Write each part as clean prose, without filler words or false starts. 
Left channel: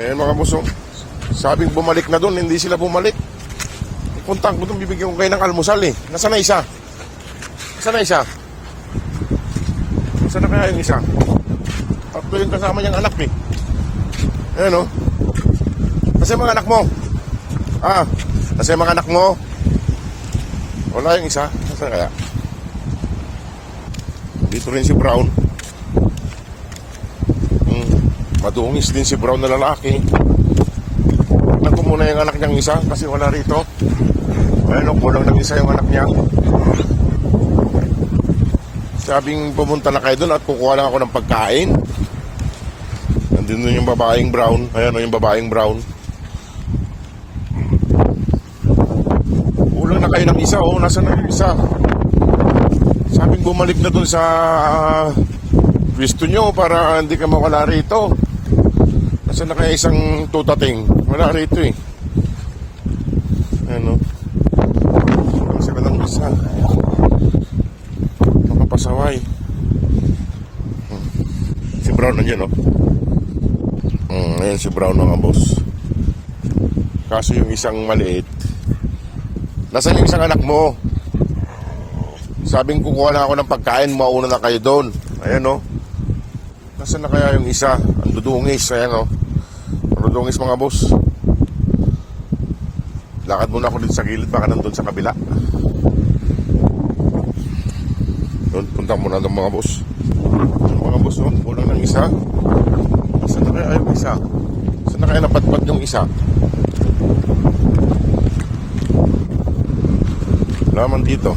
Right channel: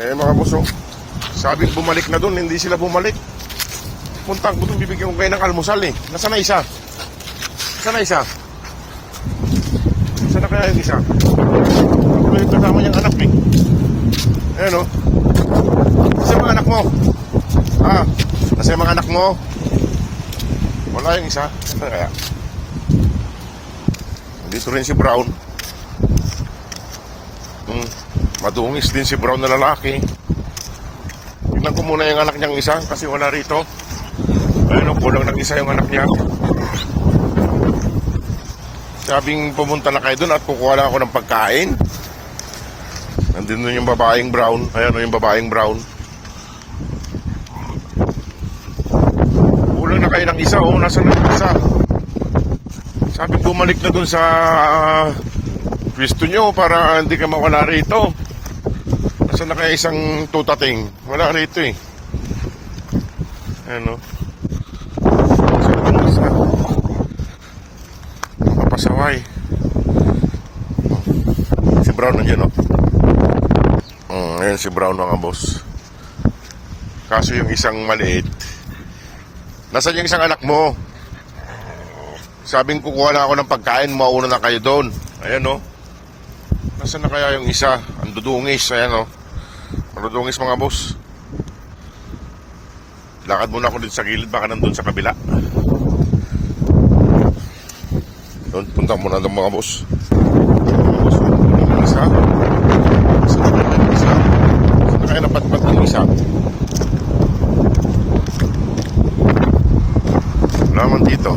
Ayan mga boss, oh. Sabing bumalik na doon, hindi sila bumalik. Puntang ko doon, bibigyan ko kayo ng almusal eh. Nasaan na isa? Nasaan na isa? Nasaan na kaya yung isa? At may kasama niyang anak eh. Ayan oh. Nasa yung mga anak mo? Ah, nasa yung mga anak mo? Wala yung isa? Nasaan kaya? Dito rin si Brown. Madungis din si Brown na lalaki. Tignan ko muna yung anak niyang isa kasi wala rito. Ano, kulang nag-isa yung anak niya. Sabing pumunta na kayo doon at kukuha lang ako ng pagkain. Nandun yung babaeng Brown. Ayan o yung babaeng Brown. Kulang na kayo ng isa. O, nasa na yung isa? Sabing bumalik na doon sa pwesto nyo para hindi ka mawala rito. Nasa na kaya isang tutating? Wala rito eh. Ano? Nasa na kaya isa? Makapasaway. Si Brown nandiyan oh. Ayan si Brown mga boss. Kaso yung isang maliit. Nasaan yung isang anak mo? Sabing kukuha na ako ng pagkain, mauna na kayo doon. Ayan o. Nasaan na kaya yung isa? Ang dudungis. Ayan o. Ang dudungis mga boss. Lakad muna ako dito sa gilid. Baka nandun sa kabila. Doon, punta muna doon mga boss. Mga boss, wala ng isa. Saan na kaya yung isa? Saan na kaya napatpat yung isa? Wala man dito.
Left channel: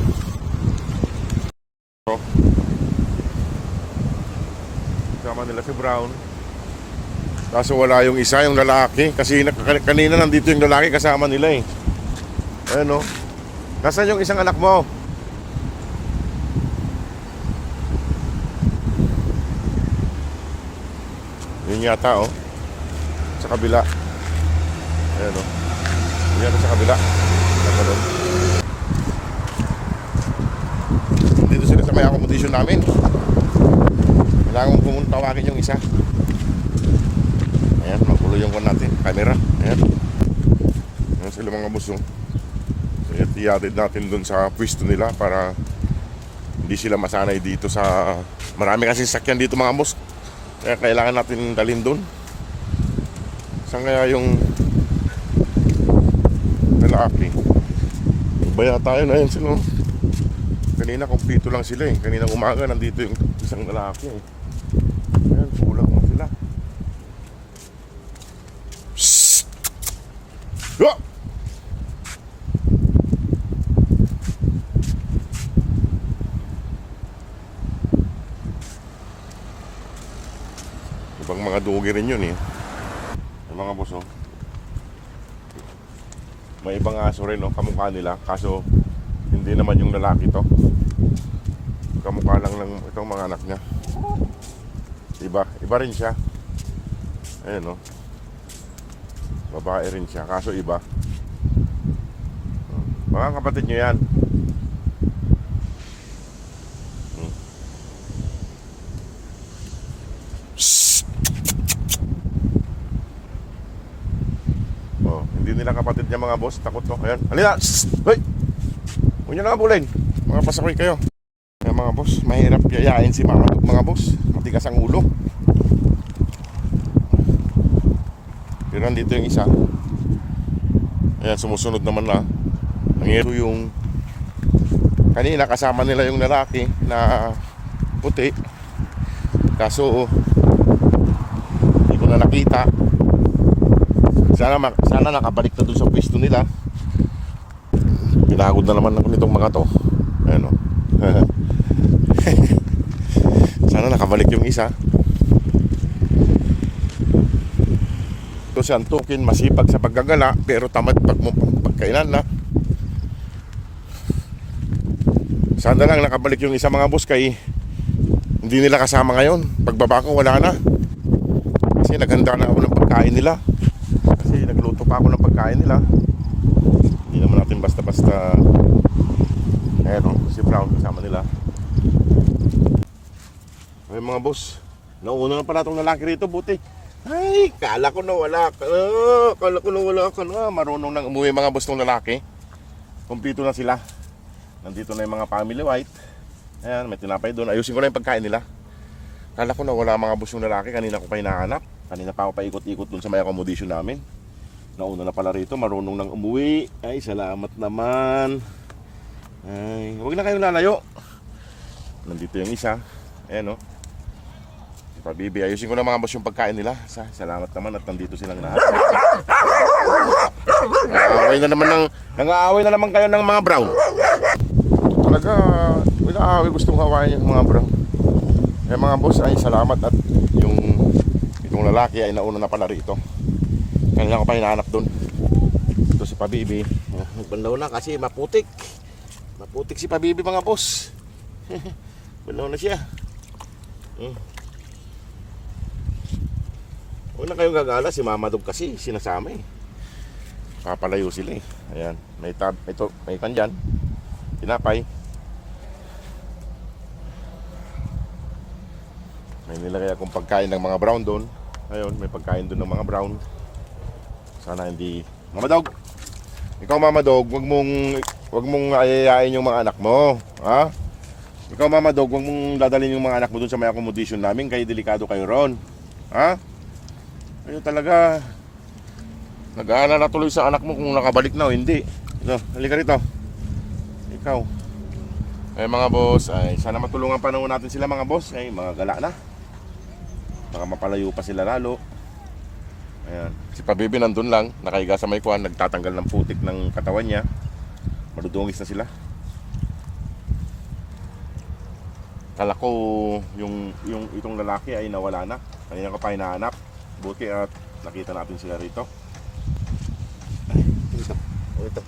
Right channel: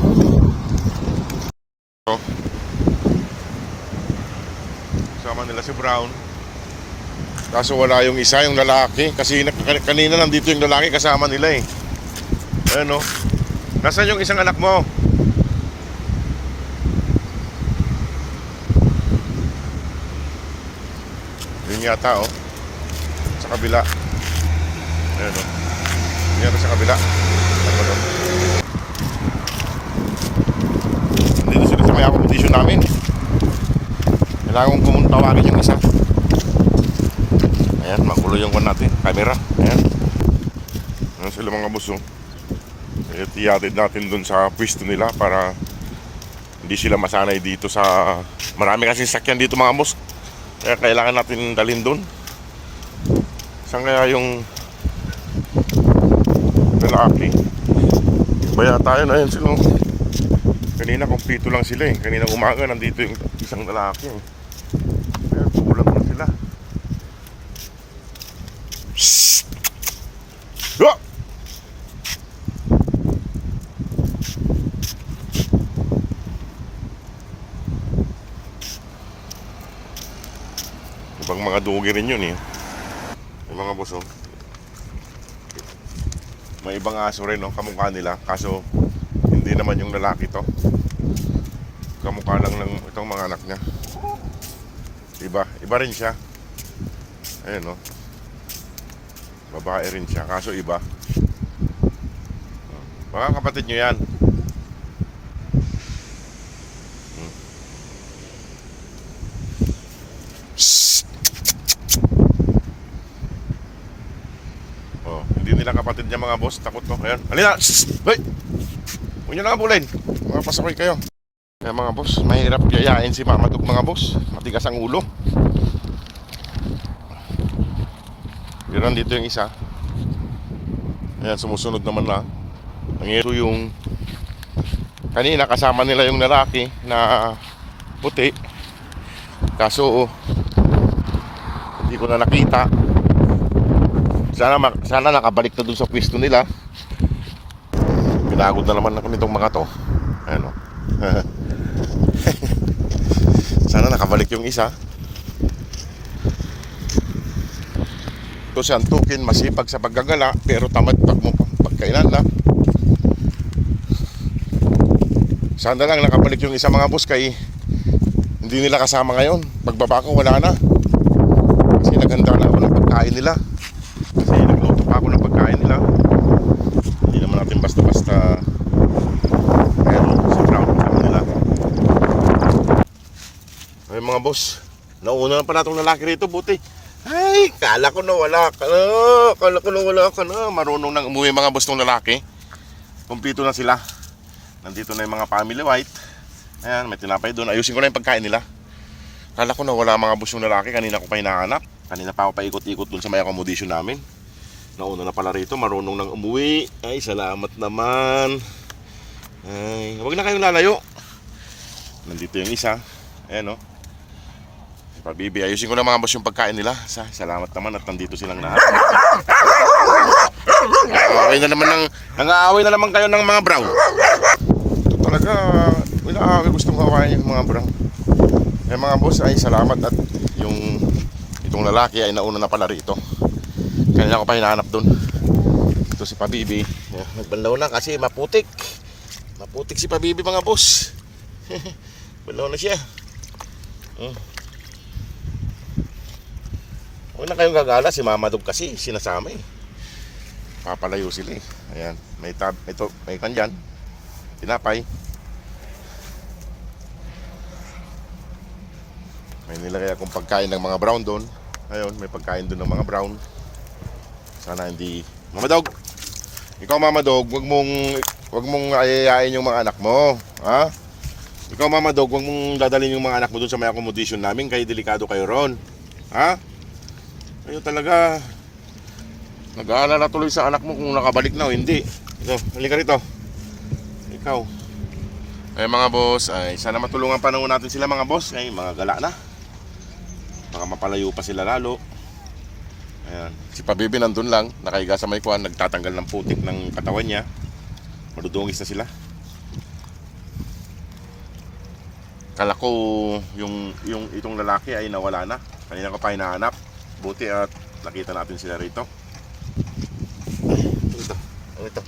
Kasama nila si Brown. Kaso wala yung isa, yung lalaki. Kasi kanina nandito yung lalaki kasama nila eh. Ayan o. Nasaan yung isang anak mo? Yun yata o. Sa kabila. Ayan o. Yun yata sa kabila. Dito sila sa may accommodation namin. Kailangan kong tawagin yung isa. Ayan, magulo yung one natin. Camera, ayan. Ayan sila mga boss oh. Tiyatid natin dun sa pwesto nila para hindi sila masanay dito sa... Marami kasi sakyan dito mga boss. Kaya kailangan natin dalhin dun. Saan kaya yung lalaki? Baya tayo na yun sila. Kanina kumpito lang sila eh. Kanina umaga nandito yung isang lalaki eh. Ayan, kulang na sila. Psst! Oh! Ibang mga dugi rin yun eh. Yung mga boss oh. May ibang aso rin oh, kamukha nila. Kaso hindi naman yung lalaki to. Kamukha lang ng itong mga anak niya. Iba rin siya. Ayan o. Babae rin siya, kaso iba. Mga kapatid nyo yan. Oh, hindi nila kapatid niya mga boss. Takot to. Ayan. Halina! Hoy! Huwag nyo na abulin. Mga pasakoy kayo. Kaya mga boss, mahirap yayain si Mama Dug mga boss. Matigas ang ulo. Pero nandito yung isa. Ayan, sumusunod naman na. Ito yung kanina kasama nila yung lalaki na puti. Kaso hindi ko na nakita. Sana nakabalik na dun sa pwesto nila. Pinagod na naman kami itong mga to. Ayan o. Sana nakabalik yung isa. Ito si Antukin, masipag sa paggagala pero tamad pagkainan na. Sana lang nakabalik yung isa mga boss kay hindi nila kasama ngayon. Pagbaba ko wala na. Kasi naghanda na ako ng pagkain nila. Kasi nagluto pa ako ng pagkain nila. Hindi naman natin basta-basta. Ayan, si Brown kasama nila. Ay mga boss, nauna na pala itong lalaki rito, buti. Ay, Ay, kala ko na wala ka na. Kala ko na wala ka na. Marunong nang umuwi mga boss ng lalaki. Kumpleto na sila. Nandito na yung mga family white. Ayan, may tinapay doon. Ayusin ko na yung pagkain nila. Kala ko na wala mga boss yung lalaki. Kanina ko pa hinahanap. Kanina pa ako paikot-ikot doon sa may accommodation namin. Nauna na pala rito. Marunong nang umuwi. Ay, salamat naman. Ay, huwag na kayong lalayo. Nandito yung isa. Ayan o. Pabibi, ayusin ko na mga boss yung pagkain nila. Salamat naman at nandito silang lahat. Nang-aaway na naman kayo ng mga brown. Talaga, gustong hawain yung mga brown. Eh mga boss, ay salamat at itong lalaki ay nauna na pala rito. Kanina ko pa hinahanap doon. Ito si Pabibi. Nagbanlaw na kasi maputik. Maputik si Pabibi mga boss. Banlaw na siya. Huwag na kayong gagala, si Mama Dog kasi sinasama eh. Papalayo sila eh. Ayan, may kandyan. Tinapay. May nilagay akong pagkain ng mga brown doon. Ayun, may pagkain doon ng mga brown. Sana hindi... Mama Dog! Ikaw Mama Dog, wag mong ayayain yung mga anak mo. Ha? Ikaw Mama Dog, wag mong dadalhin yung mga anak mo doon sa may accommodation namin. Kaya delikado kayo ron. Ha? Ayun talaga. Nag-aalala tuloy sa anak mo kung nakabalik na o hindi. Ito, halika rito. Ikaw. Ay mga boss, ay sana matulungan pa natin sila mga boss. Ay mga gala na. Baka mapalayo pa sila lalo. Ayan. Si Pabibi nandun lang, nakahiga sa may kuwan, nagtatanggal ng putik ng katawan niya. Madudungis na sila. Kala ko itong lalaki ay nawala na. Kanina ko pa hinahanap. Buti at nakita natin sila rito. Ito.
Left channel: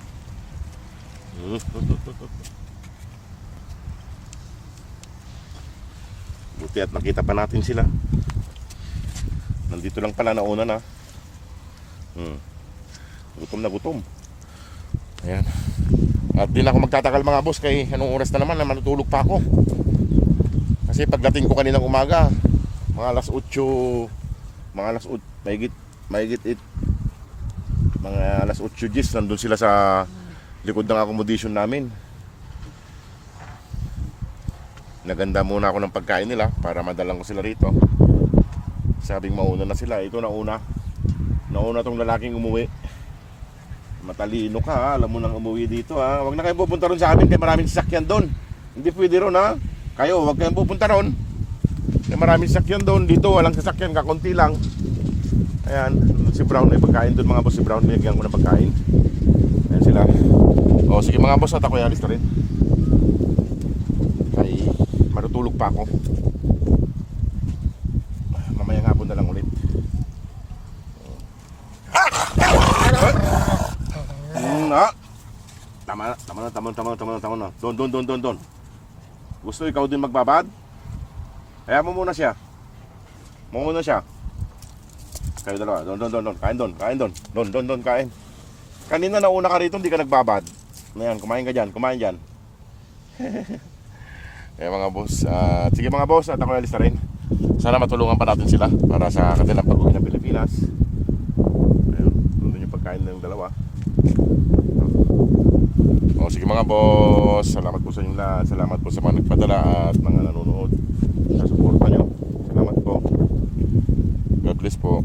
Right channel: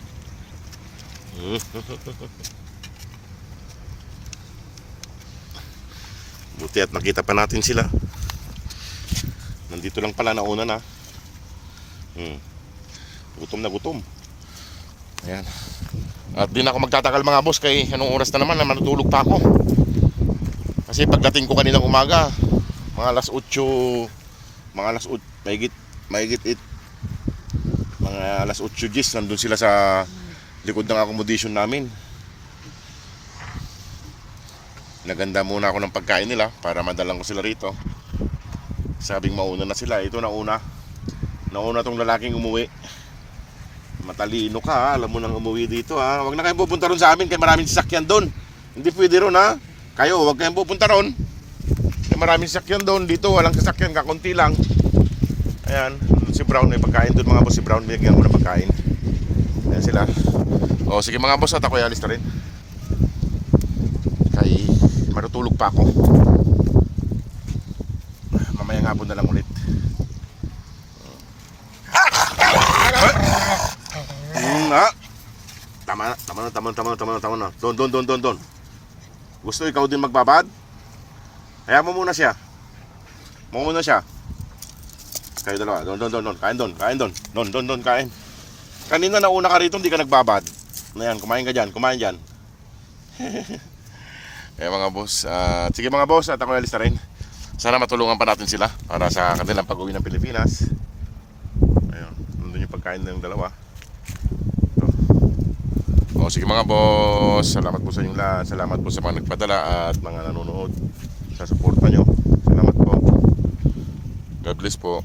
Buti at nakita pa natin sila. Nandito lang pala nauna na. Gutom na gutom. Ayan. At di na ako magtatagal mga boss kay anong oras na naman na matutulog pa ako. Kasi pagdating ko kanilang umaga, mga alas 8, mahigit it. Mga alas 8 gis, nandun sila sa likod ng accommodation namin. Naganda muna ako ng pagkain nila para madalang ko sila rito. Sabing mauna na sila. Ito nauna tong lalaking umuwi. Matalino ka ha. Alam mo nang umuwi dito ha. Huwag na kayong pupunta ron sa amin kaya maraming sasakyan doon. Hindi pwede ron ha. Kayo huwag kayong pupunta ron. Kaya maraming sasakyan doon. Dito walang sasakyan, kakunti lang. Ayan, si Brown may pagkain doon mga boss. Si Brown binigyan ko ng pagkain. Ayan sila. O sige mga boss, at ako alis na rin. Kay matutulog pa ako. Mamaya nga po na lang ulit. Tama na. Doon. Gusto ikaw din magbabad? Kaya mo muna siya. Kayo dalawa. Doon. Kain doon. Doon, kain. Kanina nauna ka rito, hindi ka nagbabad. Ayan, kumain dyan. Kaya mga boss, sige mga boss, at ako alis na rin. Sana matulungan pa natin sila para sa kanilang pag-uwi ng Pilipinas. Ayun, nandun yung pagkain ng dalawa. Ito. O sige mga boss, salamat po sa inyong lahat. Salamat po sa mga nagpadala at mga nanonood. Sa suporta nyo. Salamat po. God bless po.